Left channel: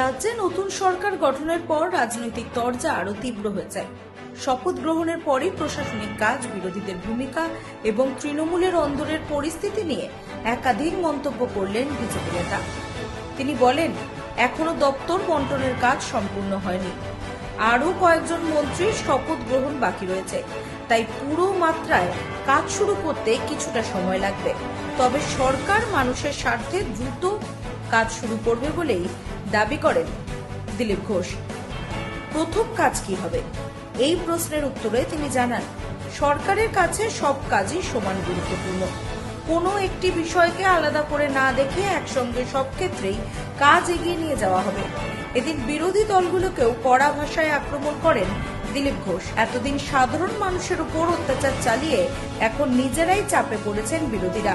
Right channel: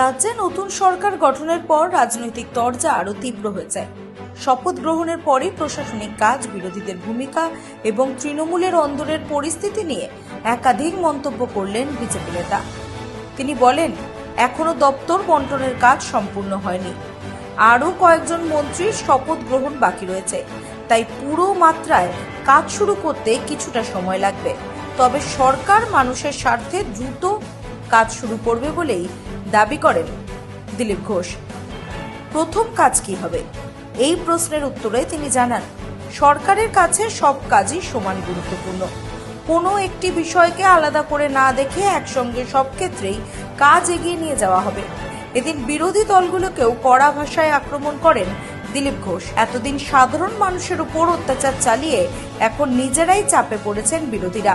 রাজ্যে নতুন সরকার গঠনের পর রাজনৈতিক তরজা আরো তীব্র হয়ে যায়। শপথ গ্রহণের পরই প্রশাসনিক কাজ, বিরোধীদের ভূমিকা এবং তৃণমূলের অন্দরের পরিস্থিতি নিয়ে একাধিক মন্তব্য করলেন বিজেপি নেতা। তিনি বলেন, এখনো দপ্তর বন্টনের কাজ সম্পূর্ণ হয়নি, আরও কয়েকজন মন্ত্রীর শপথ গ্রহণ বাকি রয়েছে, তাই পুরো মাত্রায় কাজ শুরু করতে কিছুটা সময় লাগবে। তবে সরকার মানুষের স্বার্থে দ্রুত কাজ শুরু করবে বলেই দাবি করেন দিলীপ ঘোষ। প্রথম কাজ কি হবে, এই প্রশ্নের উত্তরে তিনি জানান, সরকারের কাছে সব কাজই সমান গুরুত্বপূর্ণ। কোনো একটি বিষয়কে আলাদা করে না দেখে একসঙ্গে সব ক্ষেত্রেই কাজ এগিয়ে নিয়ে যাওয়া হবে। এদিন বিরোধী দলগুলোকেও কড়া ভাষায় আক্রমণ করেন দিলীপ ঘোষ। এতদিন সাধারণ মানুষের উপর অত্যাচার চালিয়ে এখন নিজেরাই চাপে পড়েছেন বিরোধীরা।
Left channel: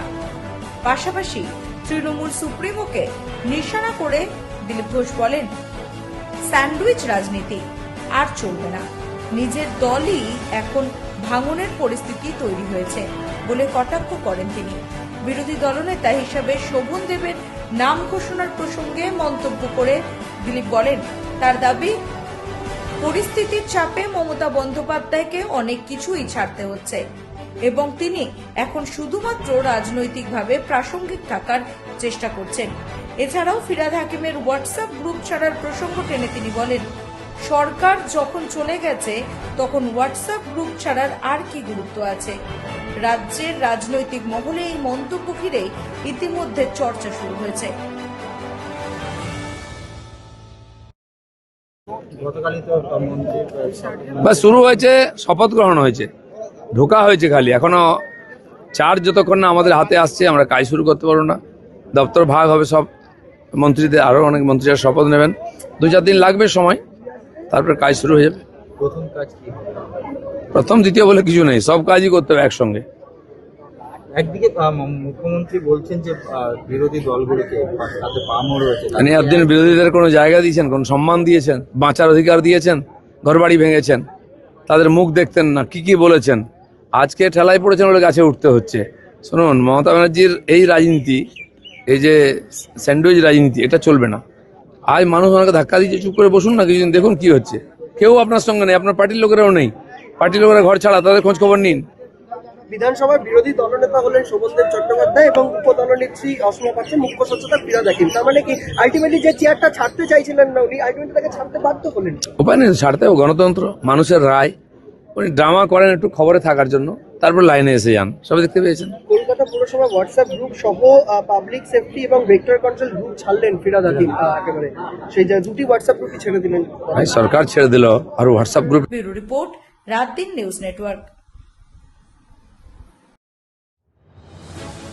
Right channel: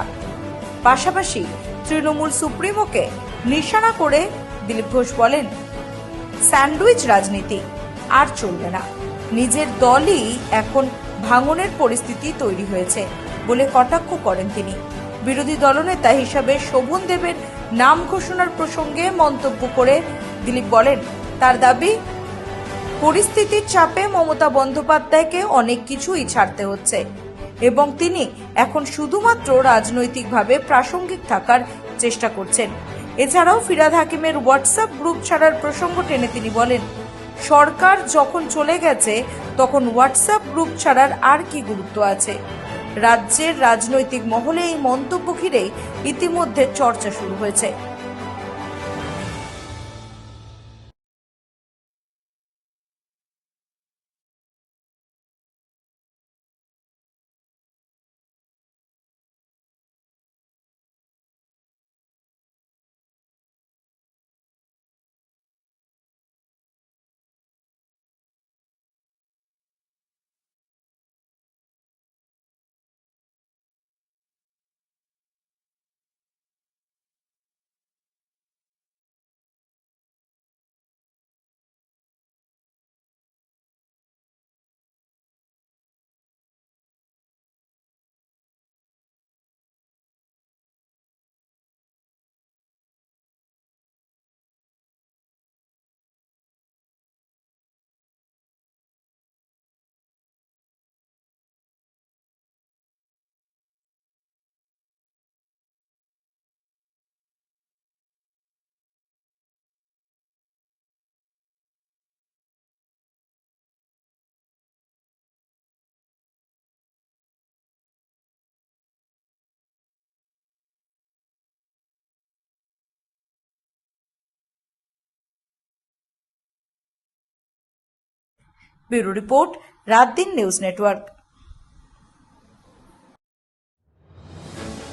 পাশাপাশি তৃণমূল সুপ্রিমোকে নিশানা করে দিলীপ ঘোষ বলেন, স্যান্ডউইচ রাজনীতি আর চলবে না। নিজের দলই এখন ভাঙনের পরিস্থিতি তৈরি হয়েছে বলে কটাক্ষ করেন তিনি। বিরোধী দলনেতা হিসাবে শোভন দেবের নাম ঘোষণার প্রসঙ্গে মন্তব্য করে দিলীপ বলেন, তার দাবি, পরিস্থিতির চাপে মমতা বন্দ্যোপাধ্যায়কে অনেক কিছুই ছাড়তে হচ্ছে এবং তিনি এখন শুধুমাত্র রাজনৈতিকভাবে প্রাসঙ্গিক থাকার চেষ্টা করছেন। এছাড়াও ফিরহাদ হাকিমের হোয়াটসঅ্যাপ গ্রুপ ছাড়ার প্রসঙ্গ টেনে তিনি বলেন, সরকার যখন চলে গেছে তখন হোয়াটসঅ্যাপ গ্রুপ ছাড়ার আর কি গুরুত্ব আছে। রাজ্যের রাজনৈতিক মহলে এই মন্তব্য ঘিরে ইতিমধ্যে চর্চা শুরু হয়েছে। শুরু হয়েছে, শপথ গ্রহণ হয়েছে, ঢোকা হয়েছে, খালি এখনো চার্জ যতক্ষণ না আমাদের হাতে আসছে আমরা কাজ শুরু করতে পারবো না। দপ্তর ভাগ হবে, সব মন্ত্রীদের, আরও অনেক মন্ত্রীরা শপথ নেবেন, 2-4 দিন লাগবে সময়, তারপর কাজ শুরু হয়ে যাবে। প্রথম কাজ কি হবে? প্রথম দ্বিতীয় বলে কিছু নেই, সব কাজই করতে হবে একসঙ্গে। একদিকে মুখ্যমন্ত্রী বলছেন যে বিরোধী দলগুলোকে তাতে পামও রয়েছে, মানে একদিন বিরোধীদের কোনো জায়গা দিয়েছেন, কোনো সম্মান দিয়েছেন, বাঁচার অধিকার দিয়েছেন? ঘরবাড়ি ভেঙেছেন, তাদের মুখ দেখতেন না, কি বলেছেন? আজকে ঠেলায় পড়েছেন বলে গাছে উঠতে হচ্ছে। শুনুন, মমতা ব্যানার্জির এই রাজনীতি, এই যে স্যান্ডউইচ রাজনীতি, এটা চলবে না। আজ মানুষ ওনাকে ধাক্কা দিচ্ছে, চুপ করে বসুন না, কিছুদিন দেখুন কি হচ্ছে। কেউ আপনার সঙ্গে নেই, আপনার পার্টির লোকেরাও নেই, পার্টির লোকেরা ঘর ছাড়া, তাদের খোঁজ খবর নিন। বিধানসভার বিরোধী দলনেতা হলেন শোভনদেব চট্টোপাধ্যায় এবং উপদলনেত্রী অসমা পাচ্ছে মুখ্য সচেতক ফিরহাদ হাকিম। তার মানে কি আলটিমেটলি যে চেয়ারটা ছাড়তে চাইছিলেন না উনি, আলটিমেটলি তাকে ছাড়তে বাধ্য হলেন? উপায় নেই, ছাড়তে হবে, গণতন্ত্র, মানুষের রায়। উনি ড্রামা করেন একটু খবরে থাকার জন্য, তারপর লাইনে এসে যান, সবাই দেখতে পেয়েছেন। কলকাতা পুরসভা হোয়াটসঅ্যাপ গ্রুপ সহ পাবলিক সেফটি এবং ভেক্টর কন্ট্রোল গ্রুপ ছাড়লেন ফিরহাদ হাকিম, একেবারে সেই দুটি হোয়াটসঅ্যাপ গ্রুপই ছেড়ে দিলেন। সরকার ছেড়ে দিল, আর হোয়াটসঅ্যাপ গ্রুপ। ব্যুরো রিপোর্ট, রাত দিন নিউজ নেটওয়ার্ক।